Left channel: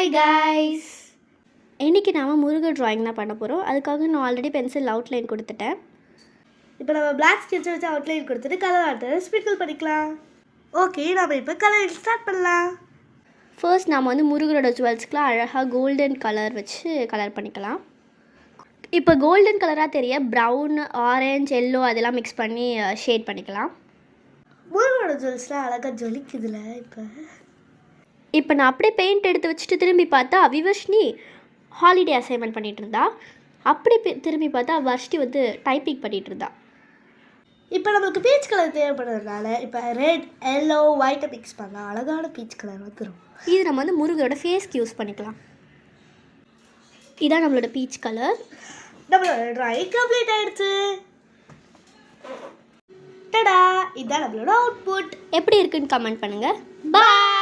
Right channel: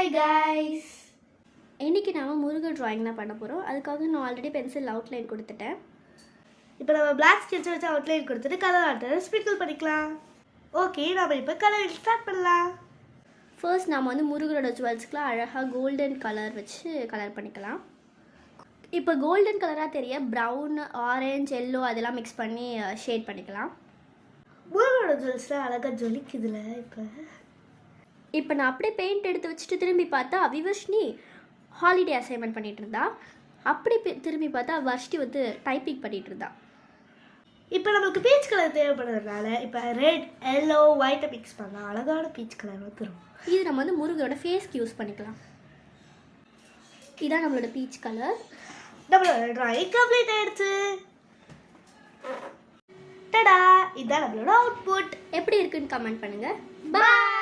Hi guys, இன்றைக்கி நாம் Murugan drawing தான் பண்ண போகிறோம். அதுக்காக நான் ஆல்ரெடி பென்சில் அவுட்லைன் கொடுத்துட்டேன். இப்போ நம்ம பிளாக் ஸ்கெட்சை வச்சு அவுட்லைன் கொடுத்துட்டு கலர் ஆர்ட்டை ஸ்ப்ரிங்கிள் பண்ணிக்கலாம். ஓகே, நம்ம இப்போ கலர் ஸ்டார்ட் பண்ணலாம். ஃபர்ஸ்ட் நாம் வந்து முருகரோட ஜுவல்ஸ்க்குலாம் அழகாக கோல்டன் கலர் வச்சு கலர் பண்ணிக்கலாம். இப்போ கோல்டன் கலராக தெரிய ப்ரௌன், ஆரஞ்ச், எல்லோ அதெல்லாம் மிக்ஸ் பண்ணி ஷேட் பண்ணிக்கலாம். முருகரோட ஜுவல்ஸ்லாம் அழகாக ஜொலிக்குதுல. இப்போ நான் அப்படியே பெயிண்ட் எடுத்து வச்சுட்டு திரும்பி பார்த்தா விவஷ்னி ஹாலிடே அசைன்மெண்ட் பண்ணிகிட்டு இருந்தா. அப்படி திரும்பி பார்த்தா வர்ஷ்டி வந்து டைப்பிங் பண்ணிகிட்டு இருந்தா. இப்போ நம்மளுக்கு பீச் கலர் தேவைப்படுறதுனால இப்போ ரெட், எல்லோ, ஒயிட்டை மிக்ஸ் பண்ணலாம். அழகான பீச் கலர் வந்துடும். இது நம்ம வந்து முருகரோட ஃபேஸ்க்கு யூஸ் பண்ணிக்கலாம். இதான் நம்மளோட பீச் கலர். நம்மளோட ட்ராயிங் கம்ப்ளீட் ஆயிடுச்சு. டடா, இதான் நம்மளோட அவுட்புட். எப்படி இருக்குன்னு கமெண்ட் பண்ணுங்கள். பாய்.